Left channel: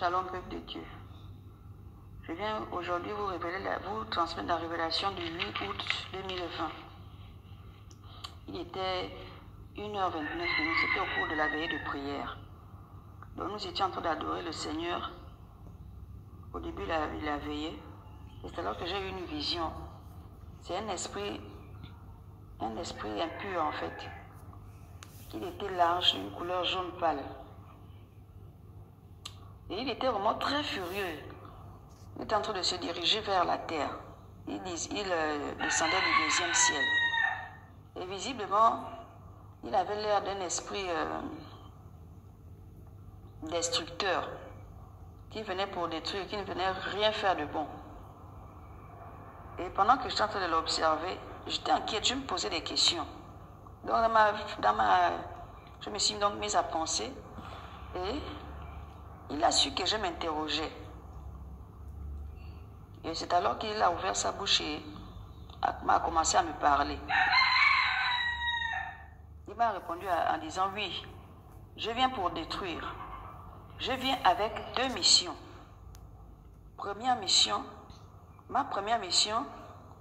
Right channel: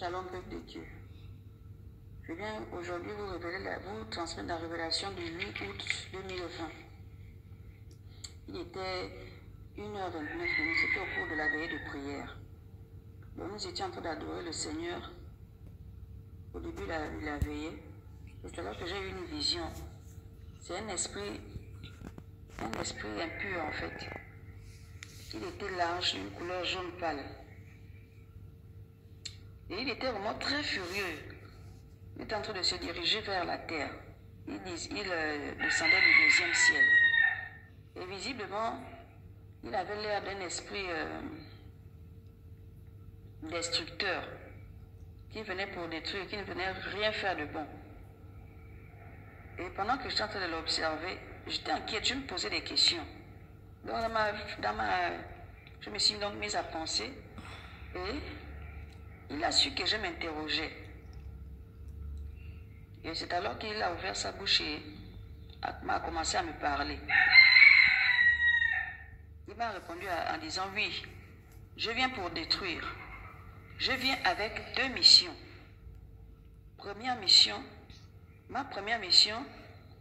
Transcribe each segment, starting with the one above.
Shalom, peuple de Dieu. Je viens aujourd'hui vous transmettre la révélation du 8 août 2020. Il était 1h29, c'était au cours de la veillée de prière. Donc nous étions en train d'adorer le Seigneur au début de la veillée. Et c'est alors que j'ai eu une vision. C'est un esprit impur en fait. Il était large, d'une couleur jaune pâle. Et il était vraiment très furieux. Il était en train de se diriger vers la terre. Il descendait du deuxième ciel. Et visiblement, il avait l'air d'un esprit destructeur qui venait pour détruire, qui ne venait rien faire de bon. Et pendant que j'étais en train de l'observer, j'étais inquiète, je me posais des questions. Donc je me suis donc mise à penser et il a su que je m'interrogeais. Et c'est alors qu'il a ouvert sa bouche et m'a commencé à me parler. Il m'a répondu en disant « Oui, je viens pour détruire. Je viens avec deux missions. Ma première mission,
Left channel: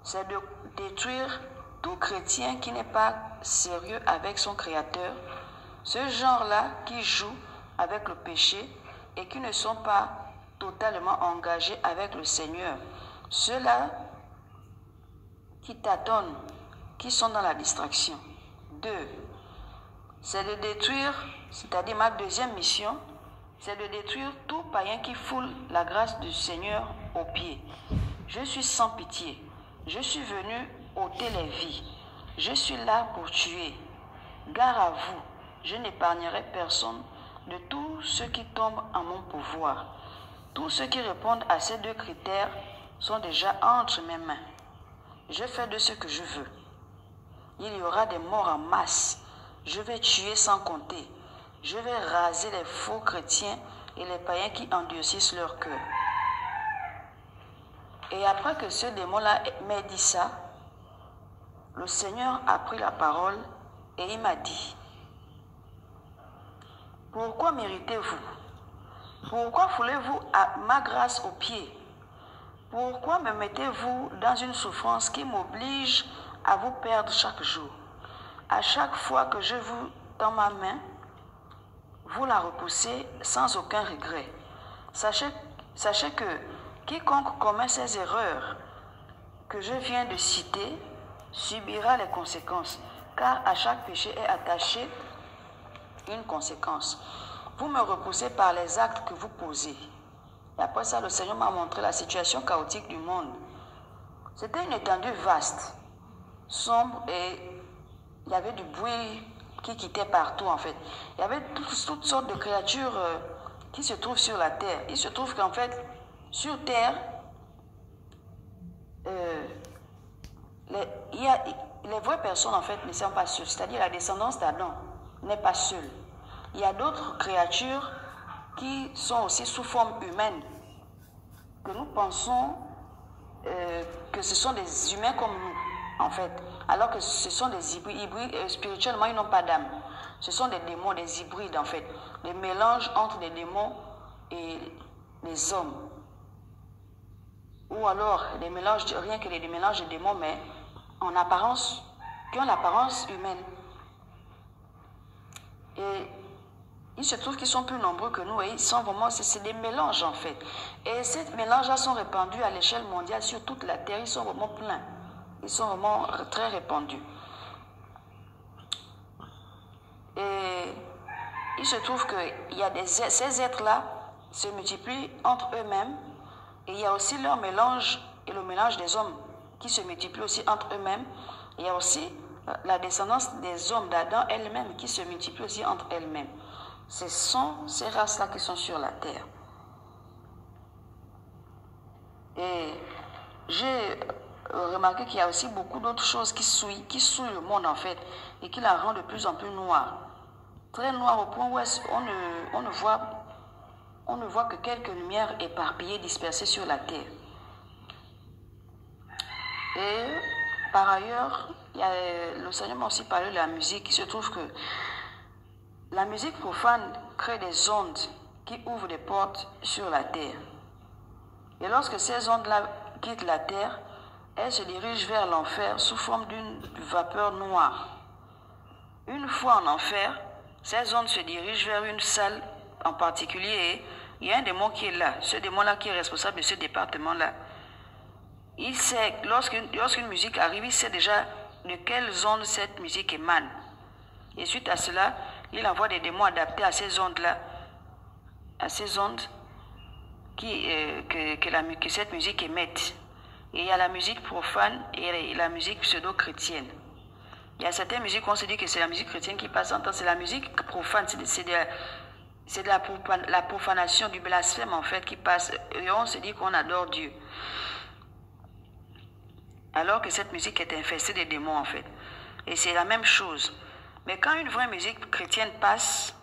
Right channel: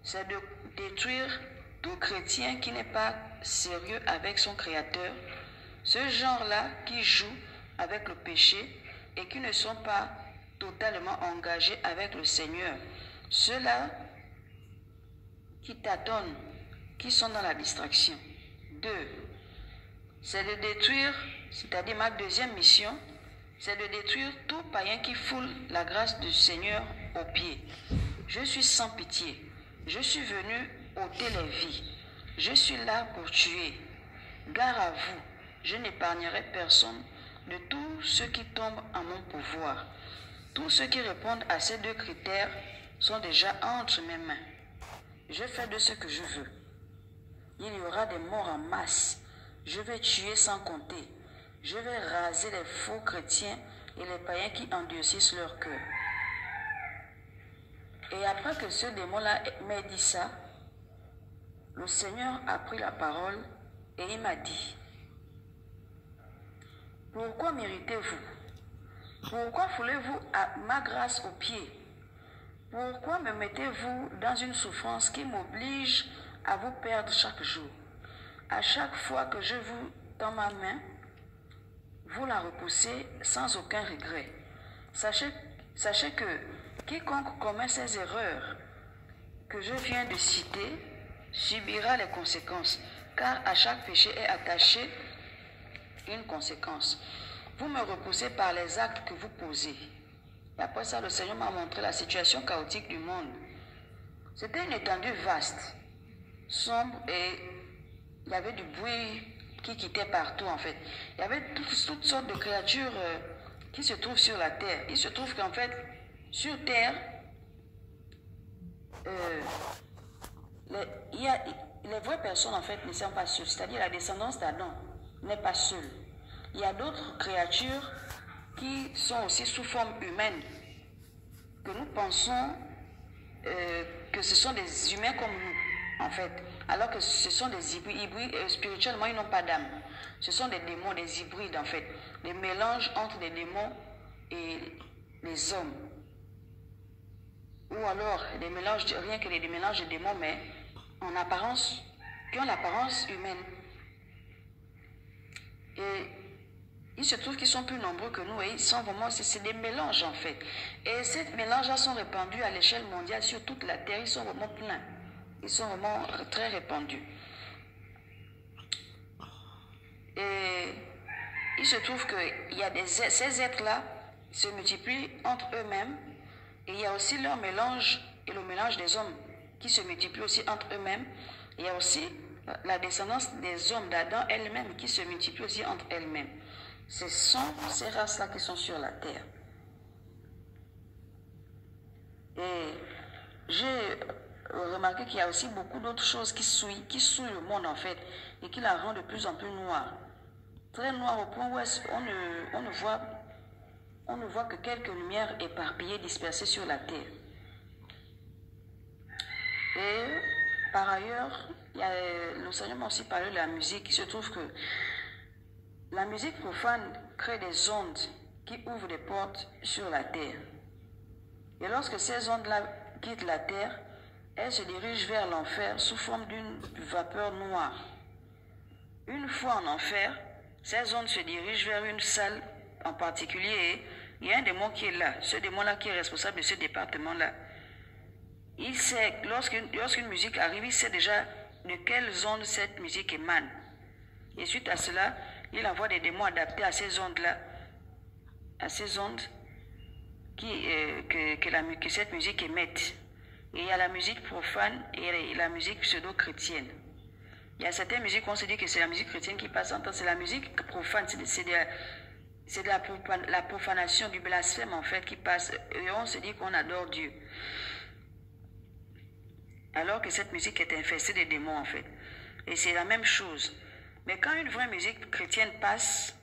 c'est de détruire tout chrétien qui n'est pas sérieux avec son Créateur, ce genre-là qui joue avec le péché et qui ne sont pas totalement engagés avec le Seigneur. Ceux-là qui tâtonnent, qui sont dans la distraction. 2. C'est de détruire, c'est-à-dire ma deuxième mission, c'est de détruire tout païen qui foule la grâce du Seigneur aux pieds. Je suis sans pitié. Je suis venu ôter les vies. Je suis là pour tuer. Gare à vous, je n'épargnerai personne de tous ceux qui tombent en mon pouvoir. Tous ceux qui répondent à ces deux critères sont déjà entre mes mains. Je fais de ce que je veux. Il y aura des morts en masse. Je vais tuer sans compter. Je vais raser les faux chrétiens et les païens qui endurcissent leur cœur. Et après que ce démon-là m'ait dit ça, le Seigneur a pris la parole et il m'a dit: pourquoi méritez-vous? Pourquoi foulez-vous à ma grâce aux pieds? Pourquoi me mettez-vous dans une souffrance qui m'oblige à vous perdre chaque jour? À chaque fois que je vous tends ma main, vous la repoussez sans aucun regret. Sachez que quiconque commet ces erreurs que je viens de citer subira les conséquences, car à chaque péché est attaché une conséquence. Vous me repoussez par les actes que vous posez. Et après ça, le Seigneur m'a montré la situation chaotique du monde. C'était une étendue vaste, sombre, et il y avait du bruit qui quittait partout en fait. Il y avait toutes sortes de créatures qui se trouvent sur la terre. Il se trouve qu'en fait, sur terre, les vraies personnes en fait ne sont pas seules. C'est-à-dire la descendance d'Adam n'est pas seule. Il y a d'autres créatures qui sont aussi sous forme humaine, que nous pensons que ce sont des humains comme nous, en fait. Alors que ce sont des hybrides, spirituellement, ils n'ont pas d'âme. Ce sont des démons, des hybrides, en fait. Des mélanges entre des démons et les hommes. Ou alors, des mélanges, rien que des mélanges de démons, mais en apparence, qui ont l'apparence humaine. Et il se trouve qu'ils sont plus nombreux que nous et ils sont vraiment, c'est des mélanges en fait. Et ces mélanges-là sont répandus à l'échelle mondiale sur toute la terre, ils sont vraiment pleins. Ils sont vraiment très répandus. Et il se trouve que ces êtres-là se multiplient entre eux-mêmes et il y a aussi leur mélange et le mélange des hommes qui se multiplient aussi entre eux-mêmes. Il y a aussi la descendance des hommes d'Adam elle-même qui se multiplie aussi entre elles-mêmes. Ce sont ces races-là qui sont sur la terre. Et j'ai remarqué qu'il y a aussi beaucoup d'autres choses qui souillent le monde en fait et qui la rendent de plus en plus noire. Très noire au point où on ne voit que quelques lumières éparpillées, dispersées sur la terre. Et par ailleurs, le Seigneur m'a aussi parlé de la musique. Il se trouve que la musique profane crée des ondes qui ouvrent des portes sur la terre. Et lorsque ces ondes-là quittent la terre, elles se dirigent vers l'enfer sous forme d'une vapeur noire. Une fois en enfer, ces ondes se dirigent vers une salle en particulier et il y a un démon qui est là. Ce démon-là qui est responsable de ce département-là. Il sait, lorsqu'une musique arrive, il sait déjà de quelles ondes cette musique émane. Et suite à cela, il envoie des démons adaptés à ces ondes-là, à ces ondes que cette musique émette. Et il y a la musique profane et la musique pseudo-chrétienne. Il y a certaines musiques où on se dit que c'est la musique chrétienne qui passe en temps, c'est la musique profane, c'est la profanation, du blasphème en fait qui passe. Et on se dit qu'on adore Dieu. Alors que cette musique est infestée de démons en fait. Et c'est la même chose. Mais quand une vraie musique chrétienne passe,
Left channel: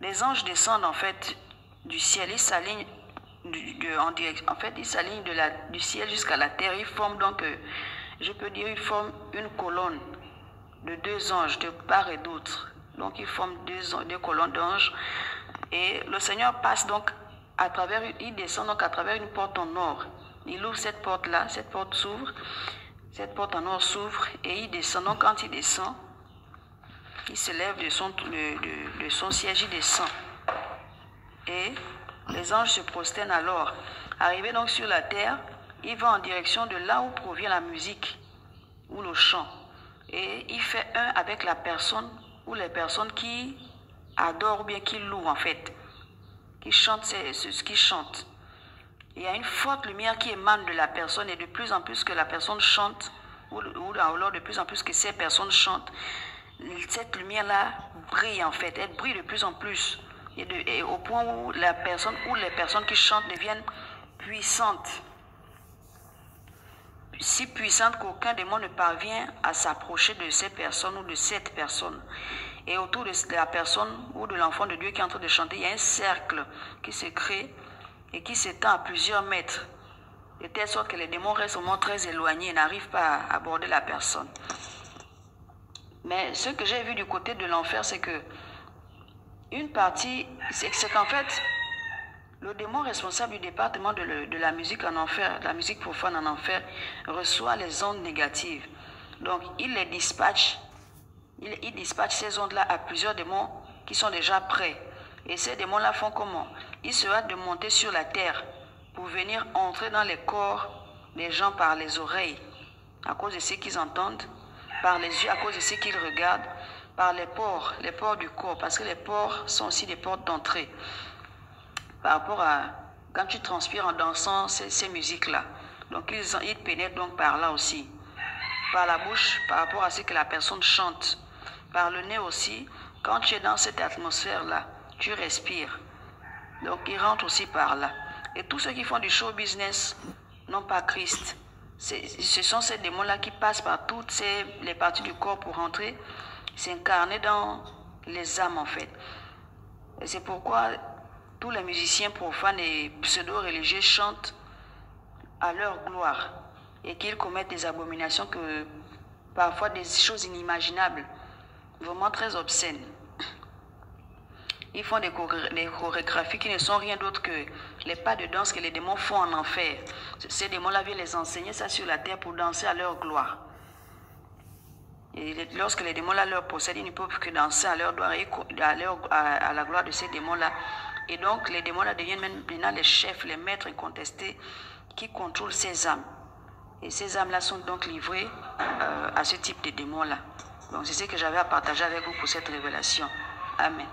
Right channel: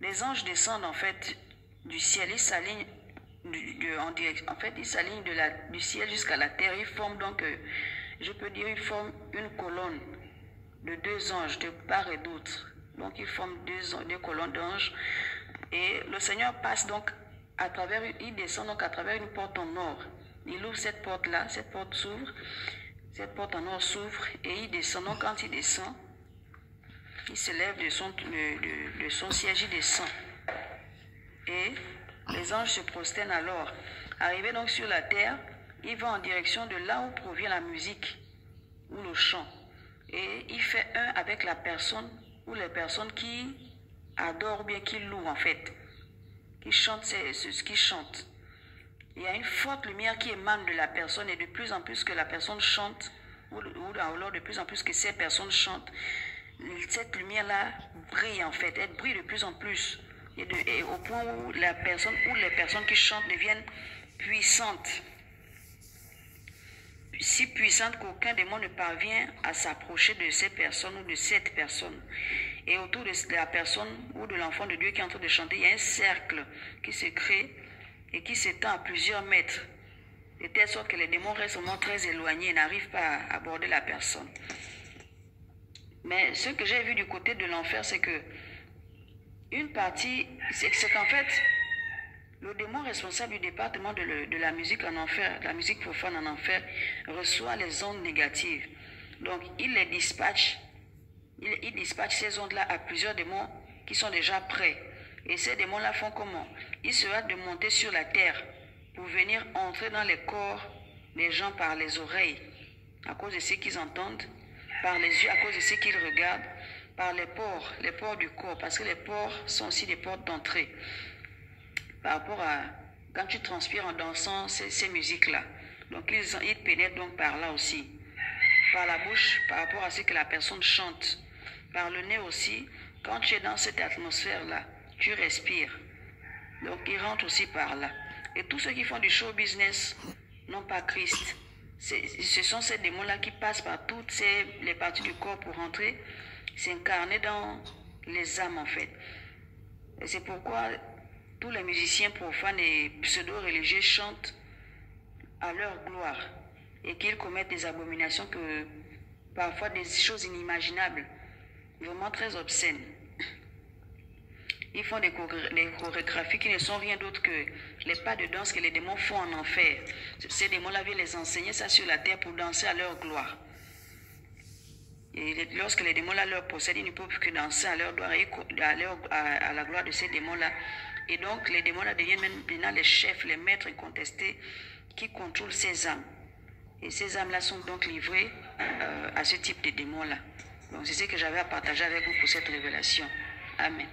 les anges descendent en fait du ciel, ils s'alignent ils s'alignent du ciel jusqu'à la terre. Ils forment donc, je peux dire, ils forment une colonne de 2 anges de part et d'autre. Donc ils forment 2 colonnes d'anges. Et le Seigneur passe donc il descend donc à travers une porte en or. Il ouvre cette porte-là, cette porte s'ouvre, cette porte en or s'ouvre et il descend. Donc quand il descend, il se lève de son siège, il descend. Et les anges se prosternent alors. Arrivé donc sur la terre, il va en direction de là où provient la musique ou le chant. Et il fait un avec la personne ou les personnes qui adorent ou bien qui louent en fait, qui chantent ce qu'ils chantent. Il y a une forte lumière qui émane de la personne et de plus en plus que la personne chante, ou alors de plus en plus que ces personnes chantent, cette lumière-là brille en fait, elle brille de plus en plus. Et au point où les personnes qui chantent deviennent puissantes. Si puissantes qu'aucun démon ne parvient à s'approcher de ces personnes ou de cette personne. Et autour de la personne ou de l'enfant de Dieu qui est en train de chanter, il y a un cercle qui se crée et qui s'étend à plusieurs mètres. De telle sorte que les démons restent au moins très éloignés et n'arrivent pas à aborder la personne. Mais ce que j'ai vu du côté de l'enfer, c'est que une partie, c'est qu'en fait, le démon responsable du département de la musique en enfer, de la musique profane en enfer, reçoit les ondes négatives. Donc, il les dispatche. Il dispatche ces ondes-là à plusieurs démons qui sont déjà prêts. Et ces démons-là font comment? Ils se hâtent de monter sur la terre pour venir entrer dans les corps des gens par les oreilles, à cause de ce qu'ils entendent, par les yeux, à cause de ce qu'ils regardent, par les pores du corps, parce que les pores sont aussi des portes d'entrée. Par rapport à quand tu transpires en dansant ces musiques-là. Donc ils pénètrent donc par là aussi. Par la bouche, par rapport à ce que la personne chante. Par le nez aussi, quand tu es dans cette atmosphère-là, tu respires. Donc ils rentrent aussi par là. Et tous ceux qui font du show business n'ont pas Christ. Ce sont ces démons-là qui passent par toutes les parties du corps pour rentrer, s'incarner dans les âmes en fait. Et c'est pourquoi tous les musiciens profanes et pseudo-religieux chantent à leur gloire et qu'ils commettent des abominations, parfois des choses inimaginables, vraiment très obscènes. Ils font des chorégraphies qui ne sont rien d'autre que les pas de danse que les démons font en enfer. Ces démons-là viennent les enseigner ça sur la terre pour danser à leur gloire. Et lorsque les démons-là leur possèdent, ils ne peuvent que danser à leur gloire et à la gloire de ces démons-là. Et donc, les démons-là deviennent maintenant les chefs, les maîtres incontestés qui contrôlent ces âmes. Et ces âmes-là sont donc livrées à ce type de démons-là. Donc, c'est ce que j'avais à partager avec vous pour cette révélation. Amen.